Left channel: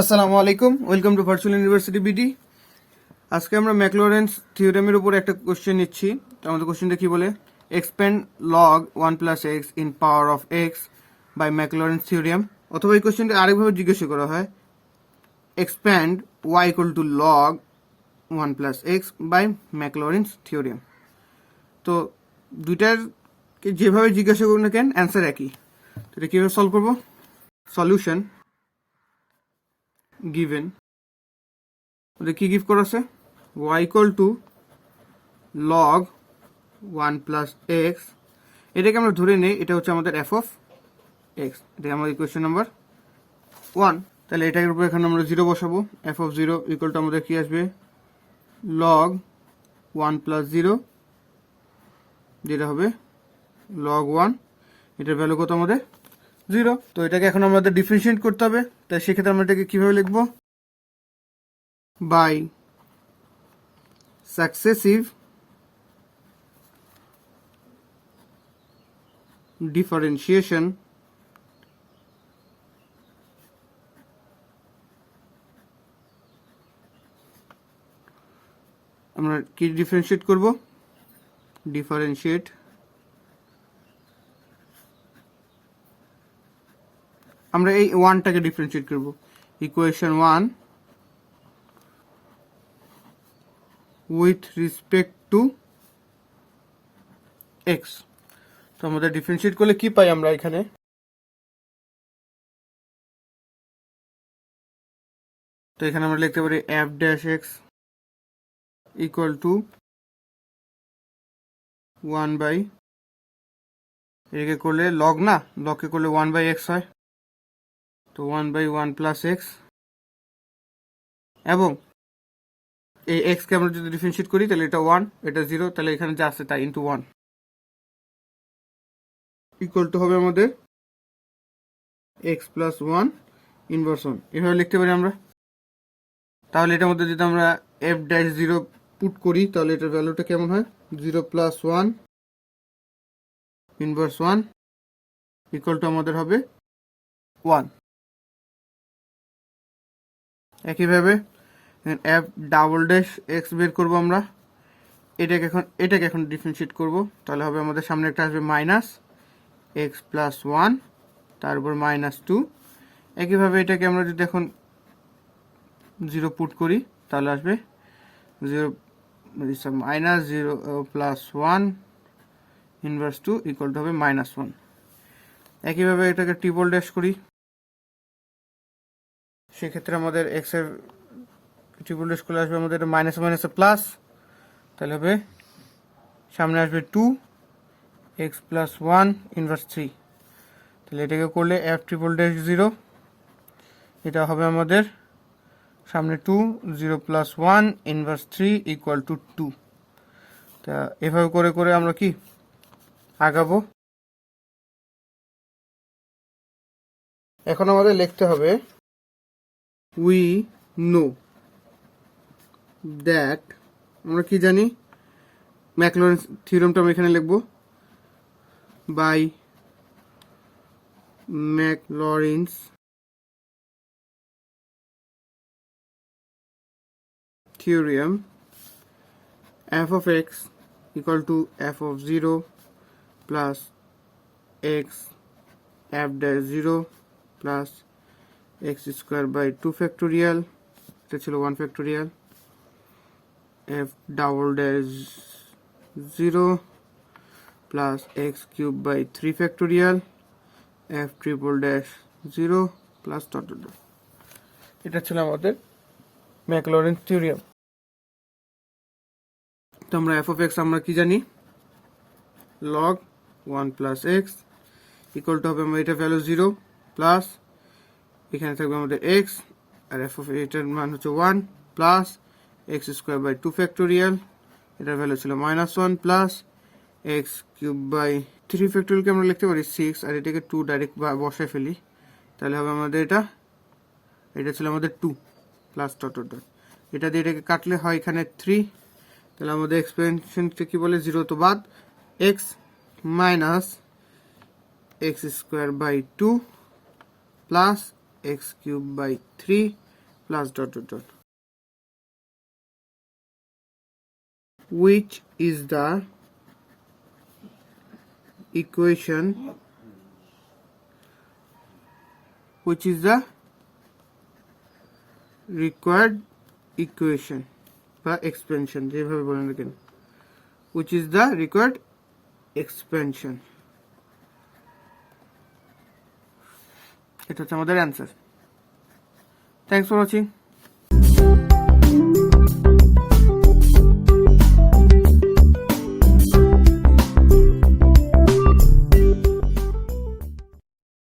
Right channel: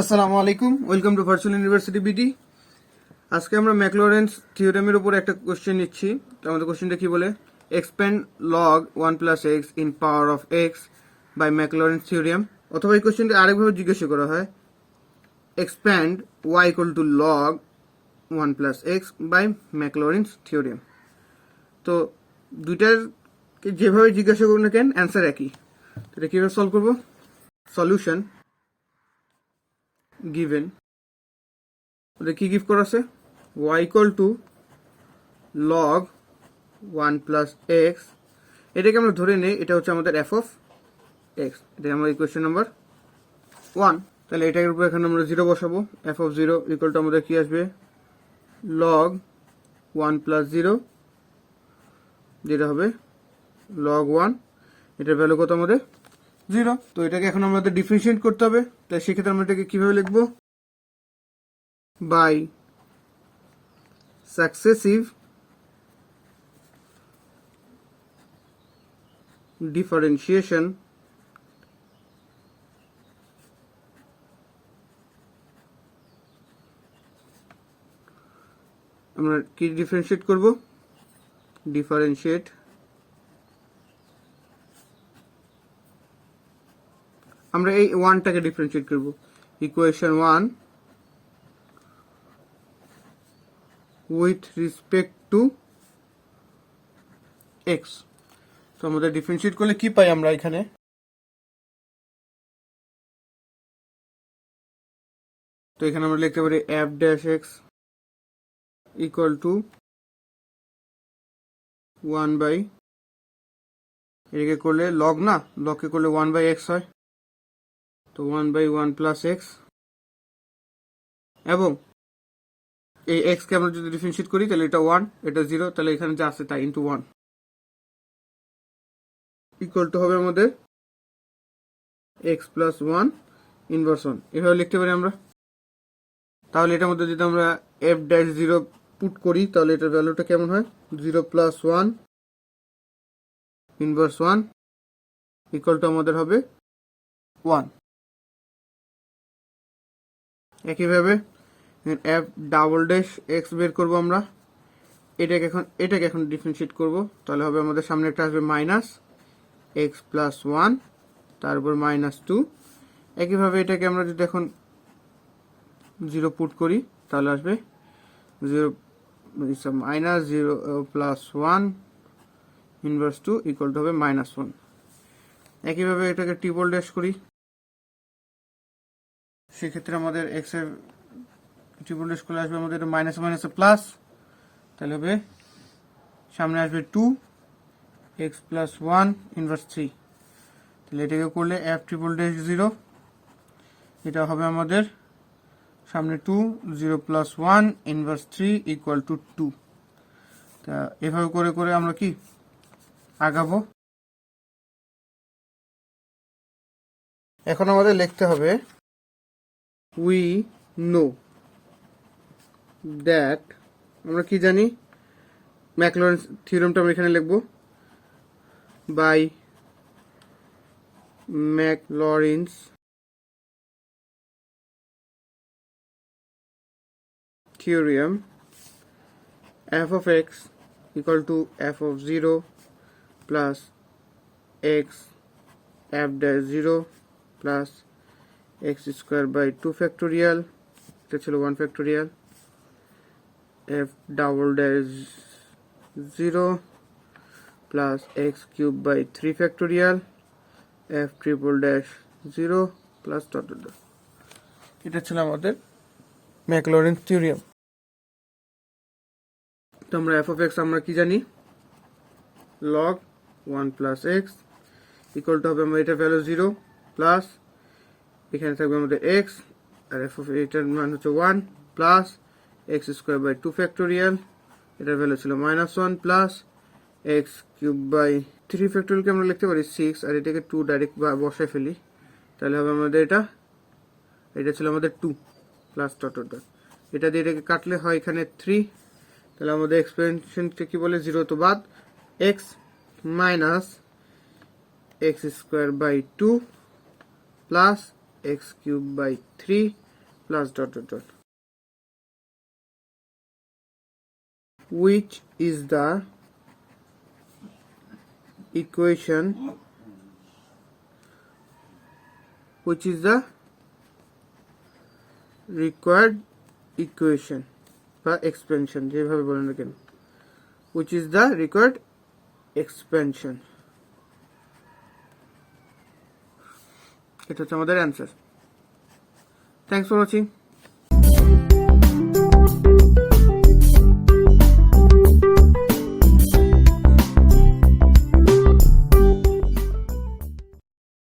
আসসালামু আলাইকুম, welcome to virtual university BD. আজকে আমরা ম্যাকলরেন্স থিওরেমের উপর একটা কোশ্চেন নিচ্ছি। তো আমাদের কোশ্চেনটা কি বলে, expand log 1 plus x in power of x by Maclaurin's theorem. অথবা এই কোশ্চেনটা আরেকভাবে জিজ্ঞাসা করা হয়, expand y equal to log 1 plus x by Maclaurin's theorem. তো দুইটার যেভাবে জিজ্ঞাসা করুন না কেন, অ্যান্সার একই। তো এটা কীভাবে সলভ করবো? সলিউশন গিভেন, ওদের কি গিভ করা আছে, y equal to log 1 plus x. এটাকে আমরা ধরে নেই এটা হচ্ছে আমাদের এফ অফ এক্স। এটা আমাদের ইকুয়েশন নাম্বার 1। তাহলে এটার উপর এখানে আমরা 0 বসাবো। এফ অফ 0 ইকুয়াল টু আমাদের কি আসবে, লগ 1 প্লাস 0, যেটা হবে লগ 1। এটার ভ্যালু কত আমাদের 0। তো এটাকে এখন আমাদের ডিফারেন্সিয়েট করতে হবে। তাই সেক্ষেত্রে আমরা এটাকে কিভাবে লিখবো, বাই successive differentiation আমরা কি ডিফারেন্সিয়েট করব, ডিফারেন্সিয়েট আমরা এই 1টাকে ডিফারেন্সিয়েট করব, equation 1 with respect to x। তো আমাদের ডিফারেন্সিয়েট করলে কি পাই আমরা এখানে, তো এখানে আমরা লিখতে পারি f dash x equal to 1 by, এটাকে করলে লগ না, লগকে করলে 1 বাই x হয়, তো 1 বাই 1 প্লাস x, এবং এই x কে আমরা যদি ডিফারেন্সিয়েট করি তাহলে এটা 1, এটা 0, তাহলে এখানে যা আছে তাই ইন্টু 1 ইকুয়াল টু হবে আমাদের x প্লাস 1 ইনভার্স 1। এভাবে লিখতে পারি আমরা। তাহলে এটার মধ্যে যদি আমরা f ড্যাশ 0 পুট করি তাহলে এটার ভ্যালুটা কেমন হয়, 0 প্লাস 1 ইনভার্স 1 ইকুয়াল টু আমাদের হবে 1। একইভাবে f ডাবল ড্যাশ x বের করবো আমরা, এটাকে এখন ডিফারেন্সিয়েট করব। তাহলে হবে আমাদের সামনে একটা আসবে মাইনাস x প্লাস 1, তারপর মাইনাস 2। একইভাবে এটাকে আমরা যদি এখন 0 পুট করি তাহলে আসবে 0 minus 0 plus 1 inverse 2 equal to হবে মাইনাস 1। একইভাবে এটাকে ট্রিপল ড্যাশ করি, সেক্ষেত্রে আমাদের x এর ট্রিপল ড্যাশ করলে আসবে আমাদের মাইনাস মাইনাস প্লাস, তাহলে হবে সামনে আসবে 2 x প্লাস 1 ইনভার্স 3। তাহলে এটাকে করলে f ট্রিপল ড্যাশ 0, এটা হবে আমাদের সামনে 2 0 প্লাস 1 ইনভার্স 3 ইকুয়াল টু 2। তা এভাবে করে করে আমরা কি আগাবো। এখন আমাদের লিখতে হবে উই নো দ্যাট, আমরা কি জানি, ম্যাকলরেন থিওরেমটা আমরা এখানে লিখবো, by ম্যাকলরিনস theorem f of x equal to f of 0 plus x f dash 0 plus x square by 2 factorial, এটা ছিল 1 factorial, f double dash 0 plus x cube by 3 factorial, f triple dash 0 plus dot dot dot। এটা ছিল আমাদের Maclaurin theorem. তো আমরা f of x আমরা কি জানি, log 1 plus x equal two হবে আমরা এটা ভ্যালু 0 প্লাস এখানে থাকবে আমাদের x, আর f of এটার মান হচ্ছে 1 plus x square by 2 factorial, এটার ভ্যালু ছিল minus 1 plus x cube by 3 ফ্যাক্টোরিয়ালকে আমরা লিখতে পারি 6, আর এটাকে 2 ডাইরেক্ট বসায় ফেলি, তাহলে হবে আমাদের এটা ছিল আমাদের 2 প্লাস ডট ডট ডট। এটা দিয়ে এটাকে কাটলে হয় এখানে 3, তাহলে আমাদের এক্সপেনশনটা কি বলে, 0 তো বাদ, x minus x square by 2 plus x cube by 3 plus dot dot dot which is the equation which is the required equation বা expansion যেভাবে বলেন না কেন which is the required expansion এটা হচ্ছে আমাদের অ্যান্সার থ্যাঙ্কস ফর ওয়াচিং